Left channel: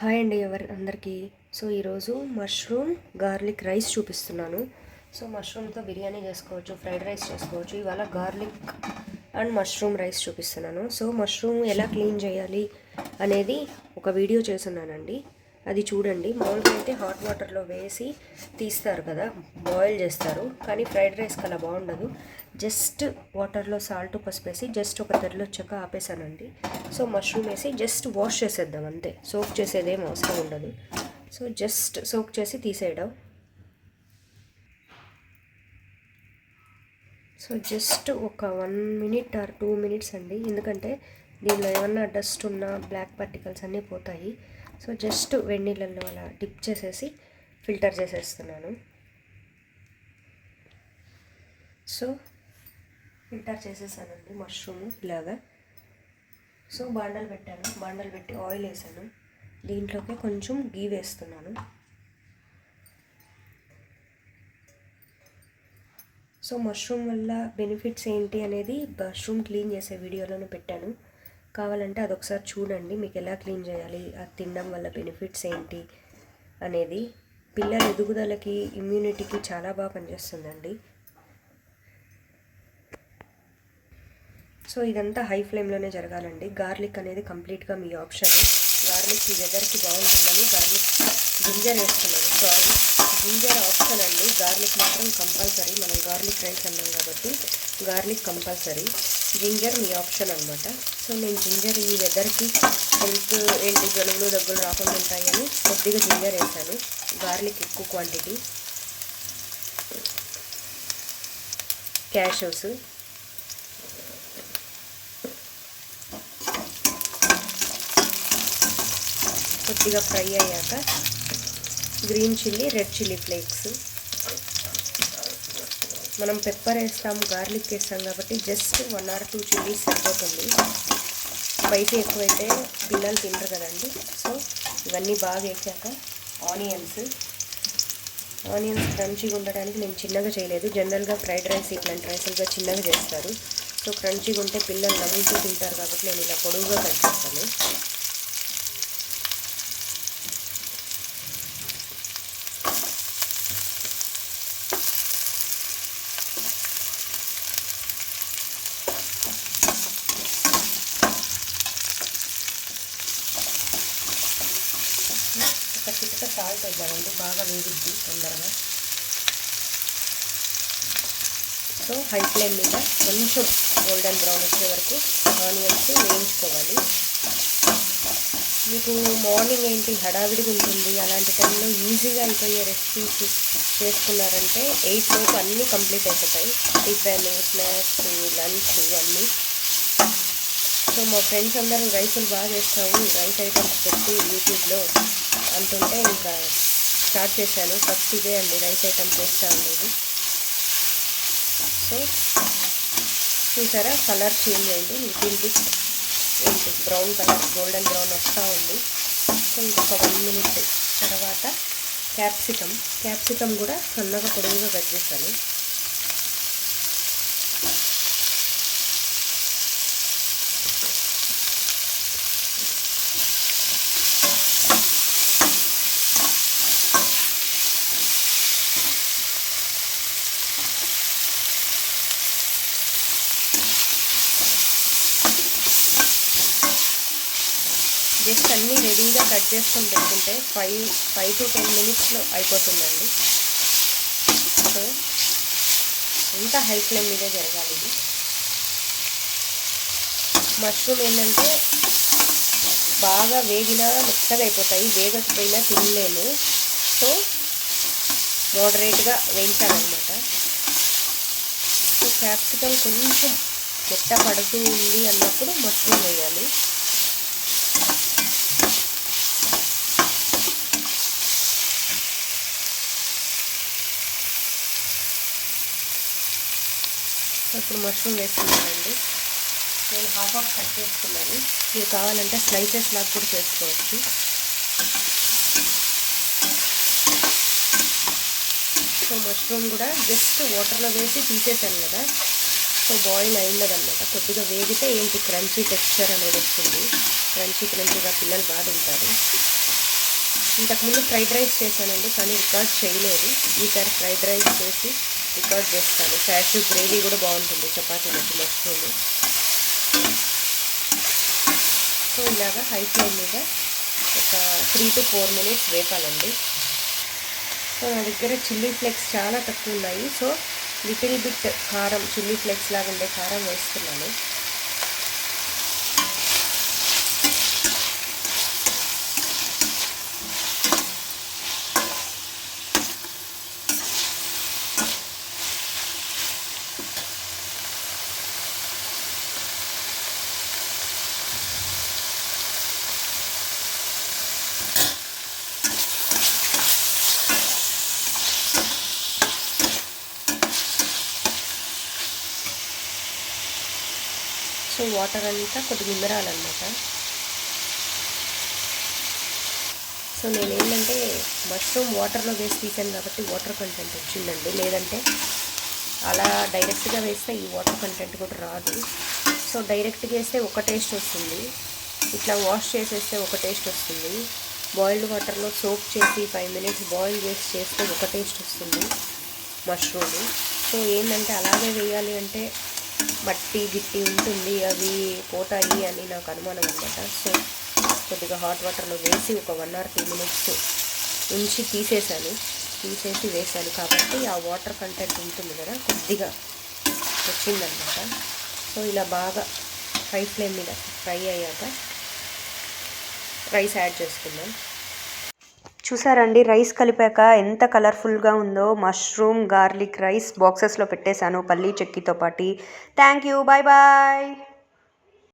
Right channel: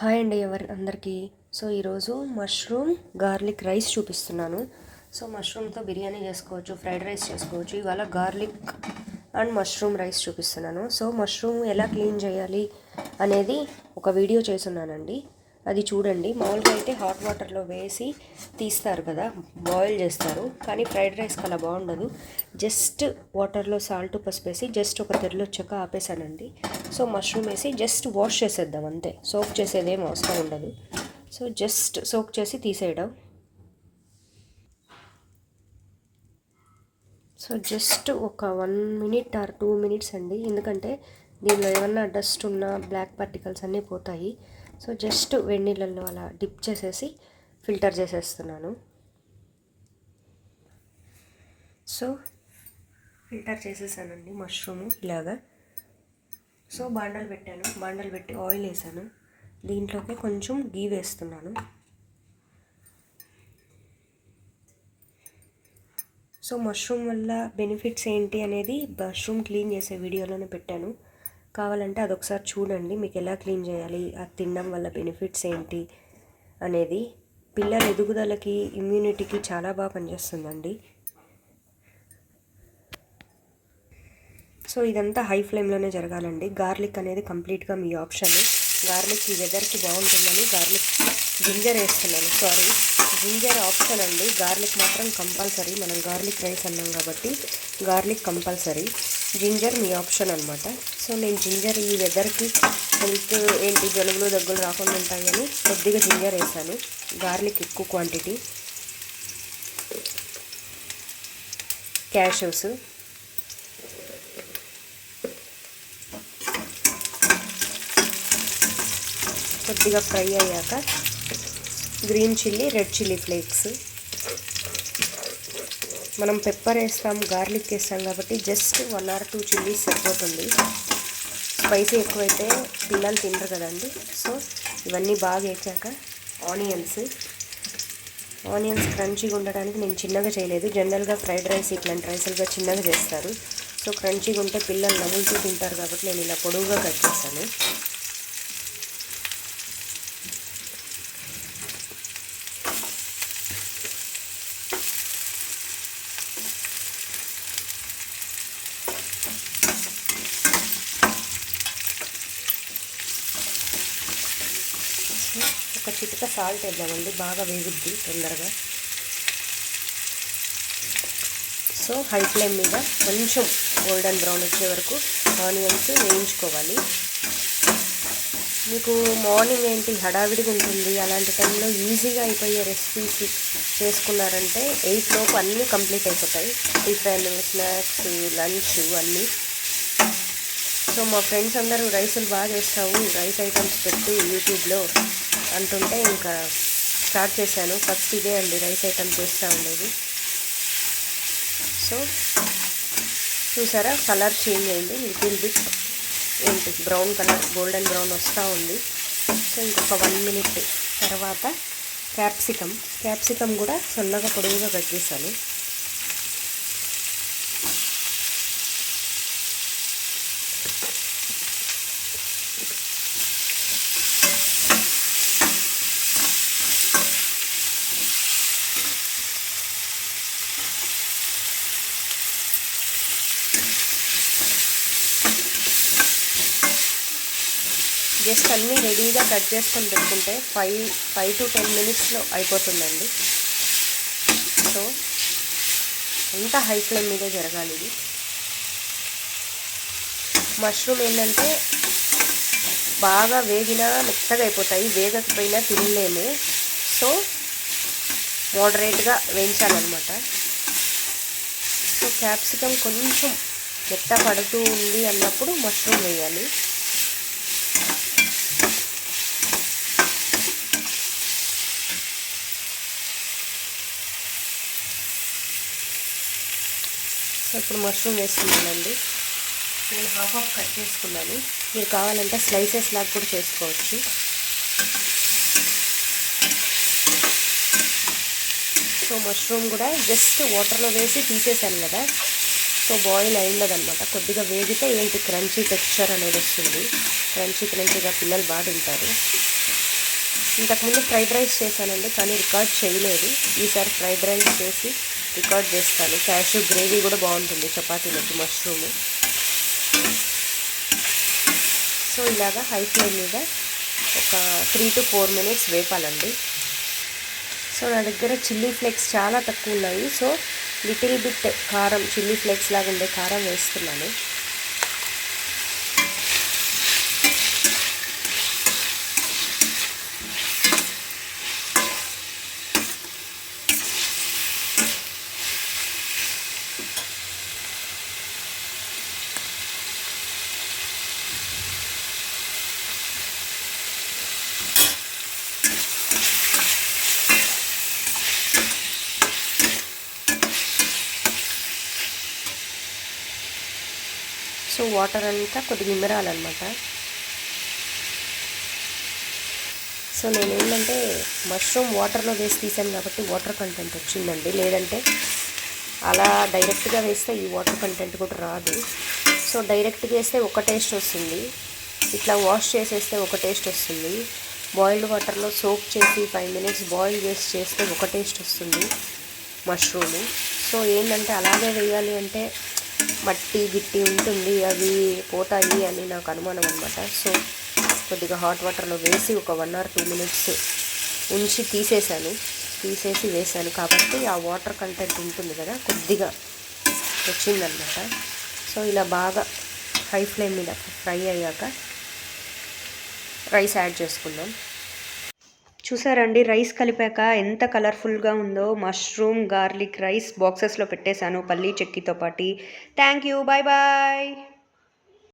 Hi అండి అందరికీ. So ఈరోజు మష్రూమ్ గార్లిక్ రైస్ చూపిస్తున్నాను. సో మష్రూమ్తో బిర్యానీ చేసుకోవచ్చు, ఫ్రైడ్ రైస్ చేసుకోవచ్చు. ఇవాళ గార్లిక్ అండ్ మష్రూమ్ రైస్ చూపిస్తున్నాను. సో మష్రూమ్ ఎలా క్లీన్ చేయాలి అనేది ఒక వీడియో చేస్తున్నానండి, అది చూడండి. మామూలుగా అయితే హాట్ వాటర్లో వేసి తీస్తారు కదా, బాయిల్ చేస్తారు. కానీ ఫ్రైడ్ రైస్కి అలా బాగుండదు. జస్ట్ వాటర్లో సాల్ట్ పసుపు వేసి జస్ట్ ఒక తెరలు వచ్చాక ఆపేసానండి. సో మష్రూమ్ వేసి జస్ట్ వాష్ చేసేద్దాం అంతే, సోక్ చేసేదేం అవసరం ఉండదు. సో జస్ట్ సోక్ చేసి తీసేయడం. సో జస్ట్ ఒక 1 minute ఆర్ 2 minutes అండి, ఎందుకంటే దీనిలో ఏమన్నా డస్ట్ ఉన్నా బ్లాక్ పార్టికల్స్ అన్నీ పోతాయి. సో జస్ట్ వేడి నీళ్ళల్లో అలా డిప్ చేసేసి ఫిల్టర్ చేసేస్తున్నాను. సో ఫిల్టర్ చేసేసానండి మష్రూమ్ ఇలాగా. సో బాండలు పెట్టాను, బాండలు పెట్టి ఆయిల్ వేసాను. దీంట్లోకి కొంచెం గీ వేస్తున్నాను. సో మష్రూమ్ వల్ల బెనిఫిట్స్ ఏంటి అనేది మష్రూమ్ క్లీన్ చేసే వీడియోలోనే పెట్టాను, కావాలంటే అదొకసారి చూడండి. మీకు ఎలా క్లీన్ చేయాలి, అది తినడం వల్ల బెనిఫిట్స్ ఏంటి అనేది. పిల్లల ఎదుగుదలకి, ఇమ్యూనిటీకి చాలా బాగా పనిచేస్తుందండి. సో ఇదంతా హై ఫ్లేమ్లోనే జరగాలండి. గార్లిక్ అనేది కంప్లీట్గా మీ ఆప్షన్. గార్లిక్ ఈ వెదర్కి బాగుంటుందని జింజర్ వేస్తున్నాను. జింజర్ ఆప్షన్ అండి, గార్లిక్ మాత్రం కంపల్సరీ. మనం గార్లిక్ రైస్ అన్నాం కాబట్టి గార్లిక్ కంపల్సరీ. జింజర్ మీ ఆప్షన్ అనమాట. సో నేను జింజర్ ఈ వెదర్కి హెల్త్ ఏంటి జలుబులు దగ్గులు రాకుండా ఉంటాయని కొద్దిగా జింజర్ వేసాను. గార్లిక్ ఎక్కువ క్వాంటిటీ. క్యాషూస్, కొద్దిగా ఫ్రై అయ్యాక green chilli, red chilli flakes. మనం పెప్పర్ వేస్తాము, గార్లిక్ వేస్తాం కాబట్టి జస్ట్ 1 or 2 చిల్లీస్ సరిపోతుంది. స్పైసీ ఎక్కువైతే పిల్లలు తినరు కదండి. సో ఇవన్నీ బాగా వేసాక ఆనియన్స్ క్రంచీగా ఉండడానికి నేను చిన్నగా చేయలేదు. జనరల్గా ఫ్రైడ్ రైస్ ఇట్లాంటి రైస్లుగా చిన్నగా చేస్తారు. సో క్రంచీగా ఉంటే పిల్లలు నవ్వుతూ తింటారు కాబట్టి నేను ఇలా పొడవుగా కట్ చేస్తాను. ఒక చిటిక సాల్ట్ వేద్దామండి, బాగా వేగుద్ది తొందరగా. సో హై ఫ్లేమ్ మీద కొంచెం గోల్డెన్ బ్రౌన్ వచ్చే వరకు ఆనియన్స్ వేయించుకోవాలి. మీకు మార్నింగ్ ఏంటి హడావిడిగా ఉంటుంది, అలాంటి టైంలో ఈజీగా అయిపోయే రెసిపీస్ చేసుకున్నారంటే 8 లోపు అన్నీ కంప్లీట్ అయిపోతాయి. టిఫిన్, స్నాక్స్, లంచ్ అన్నీ. సో మా ఫ్రెండ్స్ అందరూ రైసులు బాగా చేస్తావు, రైస్ ఐటమ్స్ పెట్టి యూట్యూబ్లో అంటుంటే ఇంకా స్టార్ట్ చేశాను. ఫస్ట్ ఇదే అండి, రైస్ ఐటమ్ చేస్తూ ఉండేది. సో చూసారా, కలర్ చేంజ్ అయింది, లిటిల్ బిట్ ఏంటి బ్రౌన్ కలర్, గోల్డెన్ బ్రౌన్ వస్తూ ఉంది. సో ఇంకొక 1 minute తర్వాత క్యాప్సికమ్ కూడా సన్నగా పొడవుగా కట్ చేశాను. జస్ట్ అన్నీ రెడీగా కట్ చేసుకొని పెట్టుకుంటే 5 to 10 minutesలో అయిపోతుందండి. సో అంతా హై ఫ్లేమ్ మీదే జరగాలి ఇది. మష్రూమ్ ఏంటంటే బాగా వేగినా మెత్తగా అయిపోతాయి, వేగకపోయినా తినలేము. సో మోడరేట్గా వేయించాలన్నమాట. సో క్యాప్సికమ్ కొంచెం మెత్త పడుతూ ఉంది అన్నప్పుడు మష్రూమ్ వేయాలి. ఇప్పుడు మష్రూమ్ వేసుకున్నానండి. నేను హాఫ్ కట్ చేసుకున్నాను, మీరు కావాలంటే స్లైసెస్ లాగా కూడా చేసుకోవచ్చు. సో మష్రూమ్ కూడా జస్ట్ వాటర్లో వేసి తీసేసాను కదా, సో బాయిల్ అయిందనమాట. కొద్దిగా వేగితే ఏంటి క్రంచీ టెక్స్చర్ అనేది వస్తుంది, క్రంచీగా పిల్లలు బాగా తింటారు. ఇంతకుముందు ఫ్రైడ్ రైస్ చేశానండి, కానీ రికార్డ్ చేయలేదు. ఈసారి ఫ్రైడ్ రైస్ చేసి రికార్డ్ చేస్తాను. క్యాష్యూ గ్రేవీ కూడా బాగుంటుంది చపాతీలోకి మష్రూమ్. సో ఇలాగా హై ఫ్లేమ్ మీద ఒక 3 to 4 minutes వేపాలండి. సో నా దగ్గర చిల్లీ ఫ్లేక్స్ చాలా తక్కువ ఉన్నాయి. సో లిటిల్ బిట్ కారం, చిల్లీ ఫ్లేక్స్ లాగా ఉండే కారం వేస్తున్నాను. సో వాటర్ అంతా కొద్దిగా ఇమరాలన్నమాట. సో నేనేంటంటే మష్రూమ్ వాటర్లో వేసి తీసాను కాబట్టి వాటర్ కంటెంట్ వచ్చిందండి, లేదంటే అలా డైరెక్ట్గా వేస్తే ఈ వాటర్ కంటెంట్ కూడా రాదు. సో డైరెక్ట్గా వేస్తే ఒక టేస్ట్ వస్తుంది, ఇట్లా వాష్ చేసేస్తే ఒక టేస్ట్ వస్తుంది, బాయిల్డ్ వాటర్లో సోప్ చేసి 5 minutes బాయిల్ చేసి చేస్తే ఒక టేస్ట్ వస్తుంది మష్రూమ్. సో ఏంటంటే అలాగే వేయాలి అంటే మట్టి గిట్టి ఉంటుంది, అవి పోతాయి అని నాకు అనుమానం అనమాట. సో కొద్దిగా హాట్ వాటర్లో వేసి ఒక 1 or 2 minutes ఉంచి తీసేసి వేసాను కాబట్టి ఆ వాటర్ కంటెంట్ ఉంటుంది కదా, కొద్దిగా వచ్చిందనమాట. సో ఇలా బాగా హై ఫ్లేమ్ మీద ఫ్రై అయ్యాక రైస్ యాడ్ చేసుకుందాం. చూసారండి, రైస్ కలిపాక ఎంత కలర్ఫుల్గా ఉందో. మష్రూమ్ గార్లిక్ రైస్ బాక్సెస్లో పెట్టేశాను పల్లీ చెక్కితో పాటు. Thank you, bye bye.